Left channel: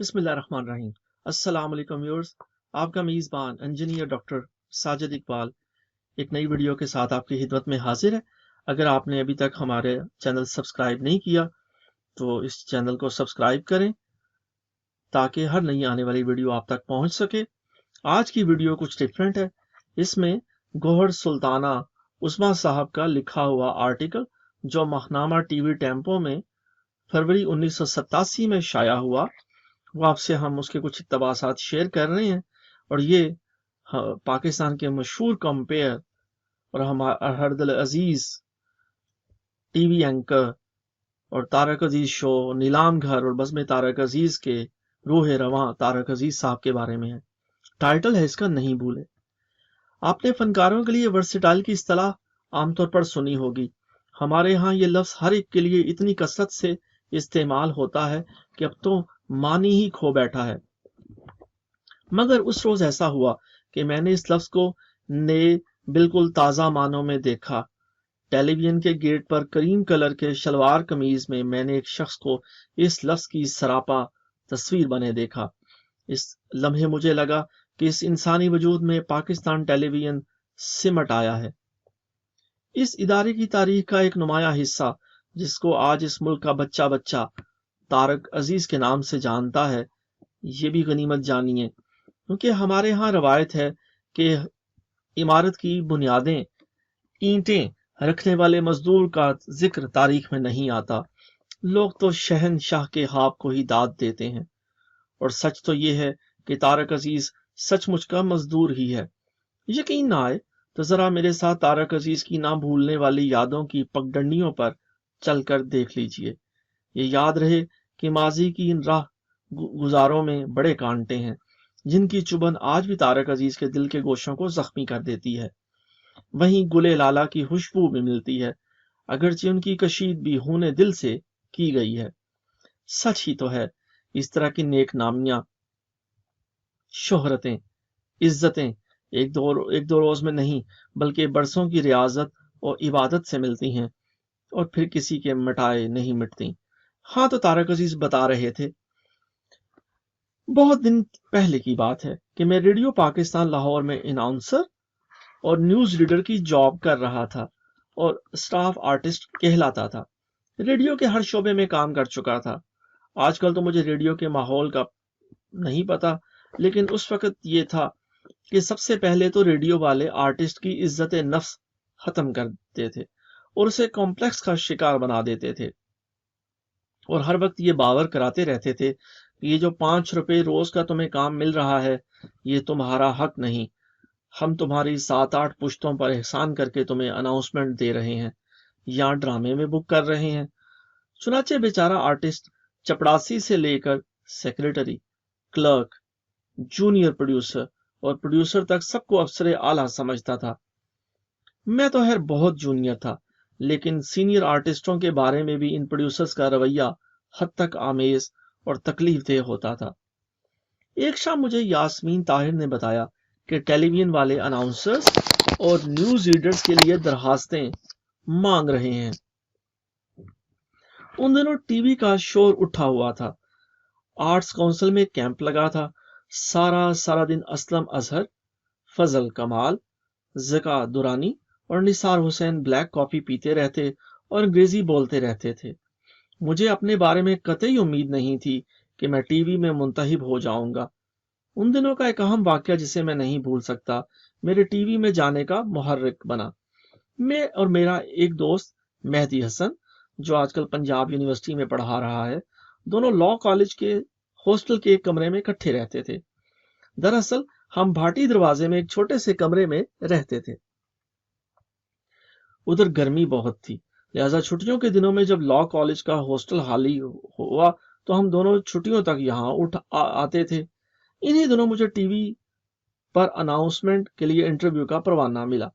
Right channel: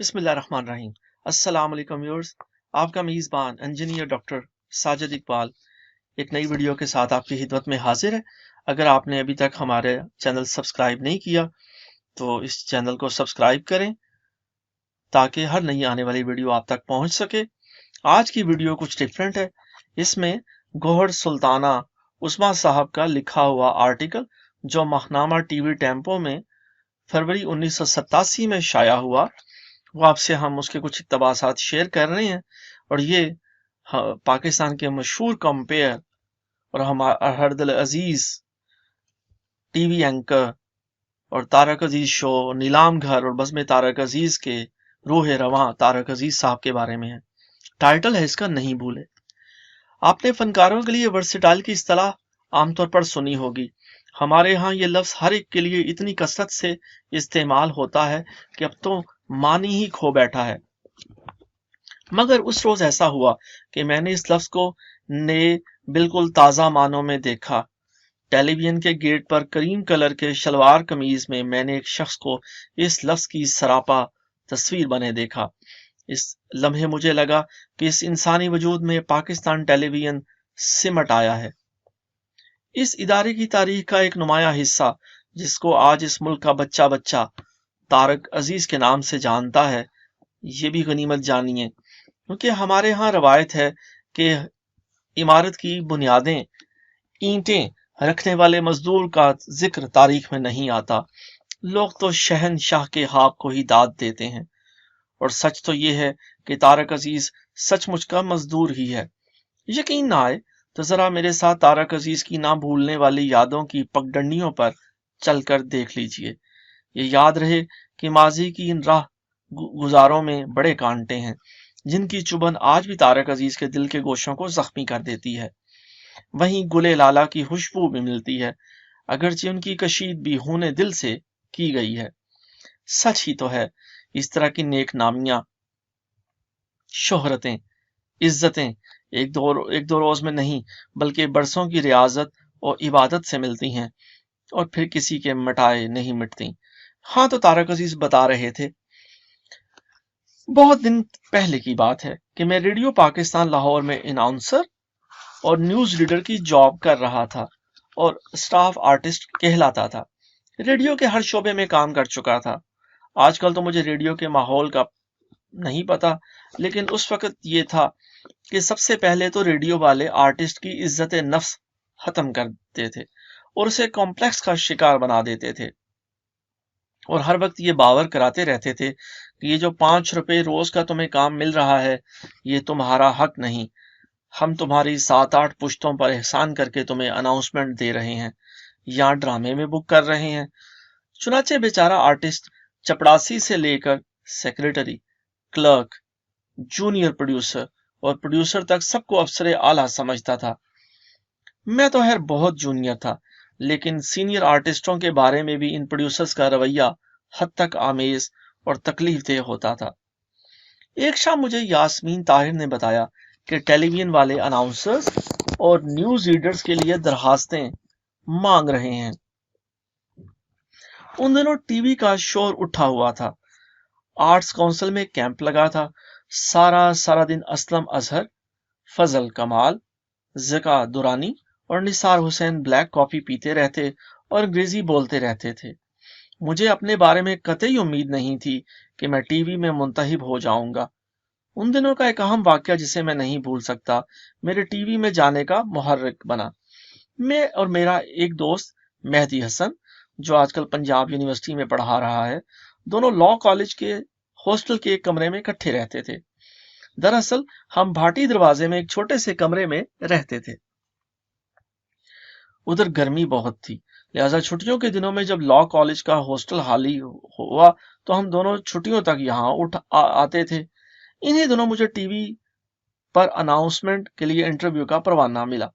بسم اللہ الرحمن الرحیم۔ السلام علیکم ویورز، آپ کا میزبان انجینئر ڈاکٹر ساجد اقبال ایک نئی ویڈیو کے ساتھ آپ کی خدمت میں حاضر ہے۔ اگر آپ نے ابھی تک ہمارے چینل سبسکرائب نہیں کیا تو اس چینل کو سبسکرائب کریں تاکہ ہر نئی آنے والی ویڈیو آپ تک پہنچ سکے۔ آج کی ویڈیو کچھ ڈفرینٹ ہے۔ اس میں گوہر سلطانہ عثمان صاحب کا لکھا ہوا آرٹیکل جو ماہنامہ ٹی وی ٹیمپو میں فروری 1987 میں شائع ہوا، وہ آپ سے ہم اس کے کچھ اقتباسات شیئر کر رہے ہیں۔ اور یہ پاکستان کے مشہور کمپیئر اور ہمارا ہر دل عزیز ٹی وی اینکر اور تارک عزیز شو نیلام گھر اور بزم تارک عزیز کے روح رواں تارک عزیز صاحب کے بارے میں ہے۔ ٹائٹل ہے اس کا نہیں بھولے۔ آپ نے فنکاروں کے لیے ورسٹائل کی اصطلاح عام طور پر سنی ہوگی۔ ہمارے ہاں یہ لفظ ہر ایک کے لیے اتنی کثرت سے استعمال ہوتا ہے کہ اب تو معنی ہی کھو بیٹھا ہے۔ مگر اس روز ایسا ہوا کہ میں نے اس لفظ کو نئے بالکل تازہ معنوں میں دیکھا۔ ٹیلی ویژن کے گیٹ پر کریم کلر کے شلوار قمیض میں نے ایک شخص کو اس لفظ کی سراپا تصویر بنے دیکھا۔ اس لمحے مجھے لگا کہ اس انسانی وجود میں پاکستان ٹیلی ویژن سمٹ آیا ہے۔ اس ادارے کی تاریخ کا ایک نمایاں حصہ جس کو آج اس ملک کا بچہ بچہ تارک عزیز کے نام سے جانتا ہے، یہ بھی غنیمت جانیے، کیونکہ ہمارے ہاں روایت ہے کہ عمارت کی بنیادیں اینٹیں رکھنے والے مزدور کا ذکر تاریخ میں نہیں آتا۔ لوگ تو شہنشاہ کے خواب کو ہی داد دیتے ہیں، اور سچ تو یہ ہے کہ تارک عزیز سچ مچ کا مزدور ہی ہے۔ یقین نہ آئے تو ذرا میرے ساتھ تارک عزیز کی نہ بھولنے والی یادوں کی پگڈنڈیوں پر چل کر دیکھ لیجئے۔ یہ یاد رہے کہ ماضی کی ان راہ گزاروں میں بڑے کانٹے ہیں جن کی چبھن آج بھی تارک عزیز کے دل کے گوشوں کو زخمی کر دیتی ہے۔ وہیں گلے لالا کی خوشبو بھی ملتی ہے، اگرچہ ان کی کشیدگی ہونے دل سے کی گئی ہے۔ سچ ہی تو ہے، اس طرح کی نیک نامیاں، شہرتیں، عزتیں ایک دو روز میں نہیں بلکہ برسوں کی ریاضت اور عبادت سے ملتی ہیں اور پھر کسی کے مٹائے نہیں مٹتی۔ ہاں تو تارک عزیز بتا رہے تھے، بہت دن پہلے کی بات ہے کہ میں ریڈیو پاکستان لاہور میں اناؤنسر اور نیوز ریڈر کی جاب کر رہا تھا اور اسٹاف آرٹسٹ کہلاتا تھا۔ ریڈیو کے ہر شعبے میں کام کر چکا تھا۔ آج کل تو مجھے ریڈیو کے ماحول کا نہیں پتا، لیکن اس وقت یہ تھا کہ سب سے پہلے تو ریڈیو والے آرٹسٹ کی عزت نفس ختم کرتے تھے اور اسے کمپلیکس کا شکار بنا دیتے تھے، اور ہر وقت یہ باور کراتے رہتے تھے کہ یہ جو 5 روپے روز کا تمہیں کام مل رہا ہے یہ تمہارا حق نہیں، ہم تمہاری 7-8 پشتوں پر احسان کر کے تمہیں اناؤنسمنٹ دے رہے ہیں یا ڈرامے میں بک کر رہے ہیں۔ چنانچہ بیچارہ آرٹسٹ چپڑاسی سے لے کر سیکرٹری، کلرک، جونیئر پروڈیوسر اور پروڈیوسر تک سب کو افسر اعلیٰ سمجھتا تھا۔ میں تو خیر بہت جونیئر تھا، لیکن سینئر آرٹسٹوں کے بارے میں بھی ان پروڈیوسرز کا رویہ حد تک آمیز اور تکلیف دہ ہوتا تھا۔ ایک شام مجھے یاسمین طاہر نے بتایا کہ ٹیلی ویژن والے اناؤنسرز اور نیوز ریڈرز کے لیے درخواستیں مانگ رہے ہیں۔ ان دنوں ٹی وی کا شور اٹھا ہوا تھا، آرٹس کونسل میں کیمپ لگا تھا، سارا دن اسلم اظہر، فضل کمال، زکا دورانی اور نثار حسین بلیک کافی پیتے رہتے اور انگریزی بولتے رہتے تھے۔ مجھے اپنے بارے میں قطعی امید نہیں تھی کہ میں ٹی وی میں منتخب ہو جاؤں گا۔ ان دنوں کا ایک اہم واقعہ جسے میں نہیں بھول سکتا میرے ٹی وی میں جانے کا محرک بنا۔ میں اور میرا ایک دوست مہدی حسن جو آج کل پنجاب یونیورسٹی میں پڑھا رہا ہے، دونوں لاء کالج کے ہاسٹل کے ایک کمرے میں اکٹھے رہتے تھے۔ دراصل ہم بھاٹی دروازے میں ایک چھوٹے سے کمرے میں رہتے تھے۔ ادھر گرمی بہت تھی، لہذا چھٹیوں کے دنوں میں جب لاء کالج کا ہاسٹل خالی ہوا تو ہم دونوں چھٹیوں تک یہاں آتے تھے۔ انہی دنوں مجھے ٹی وی پر اناؤنسمنٹ کے لیے انٹرویو کا پروانہ ملا۔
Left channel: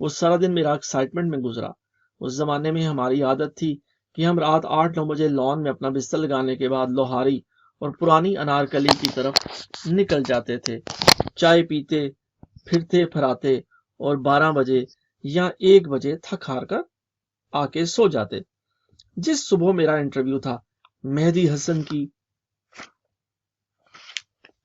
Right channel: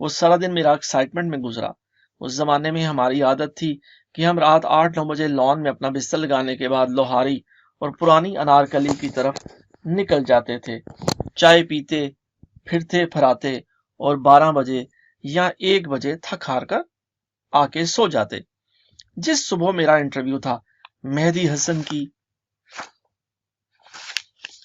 وہ سارا دن میرا ایکسائٹمنٹ میں گزرا۔ اس زمانے میں ہماری عادت تھی کہ ہم رات 8-9 بجے لان میں اپنا بستر لگانے کے بعد لوہاری اور پرانی انارکلی کی طرف نکل جاتے تھے، چائے پیتے پھرتے پھراتے اور 12 بجے یا 1 بجے تھک ہار کر آ کے سو جاتے۔ جس صبح میرا انٹرویو تھا، مہدی حسن کی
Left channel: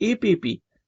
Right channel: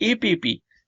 APP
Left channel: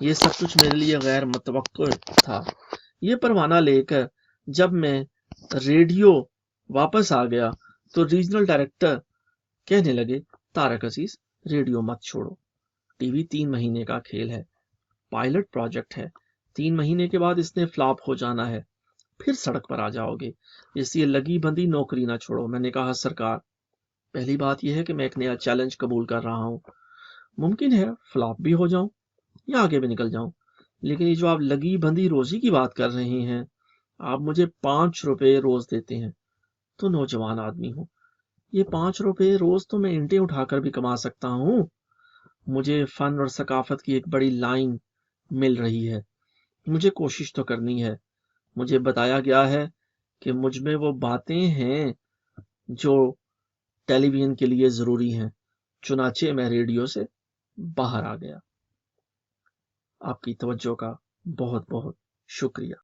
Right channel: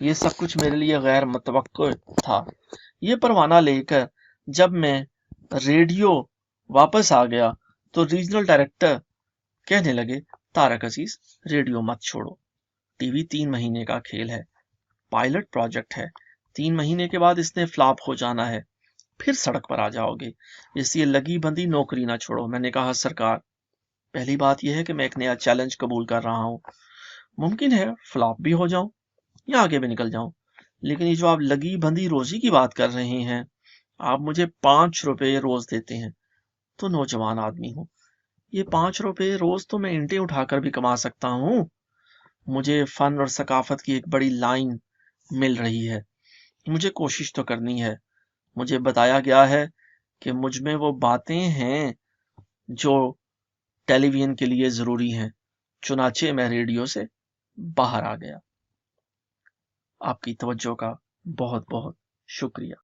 یہ سب کچھ میرے لیے غیر متوقع تھا۔ یہ پروانہ لے کر جب میں ریڈیو واپس آ گیا تو ریجنل ڈائریکٹر کہنے لگے، طارق عزیز ریڈیو مت چھوڑو، ٹی وی 3 مہینے کا کھیل ہے، پائلٹ پروجیکٹ ہے، 3 مہینے کے بعد اس نے فلاپ ہو جانا ہے، پھر سڑک پر آ جاؤ گے، اس لیے لگی بندی نوکری نہ چھوڑو۔ میں نے کہا، سرکار پہلی بات یہ ہے کہ میں ایک نیا چیلنج قبول کر رہا ہوں، ممکن ہے فلاپ بھی ہو جاؤں یا آگے بھی نکل جاؤں، لیکن یہ جو آپ لگی بندی روزی کی بات کر رہے ہیں، آپ مجھے 5 روپے روز دیتے ہیں تو نوجوان آدمی ہوں، یہ 5 روپے روز تو میں اینٹیں اٹھا کر بھی کما سکتا ہوں۔ مجھے فن اور ثقافت کی ایک بڑی لائن مل رہی ہے، مجھے کوشش تو کرنی ہے۔ مجھے بتایا گیا ہے کہ مجھ میں وہ باتیں ہیں جو ٹیلی ویژن کے لیے ضروری ہیں، چنانچہ میں ریڈیو سے باہر آ گیا۔ آپ کی توجہ کا بہت بہت شکریہ۔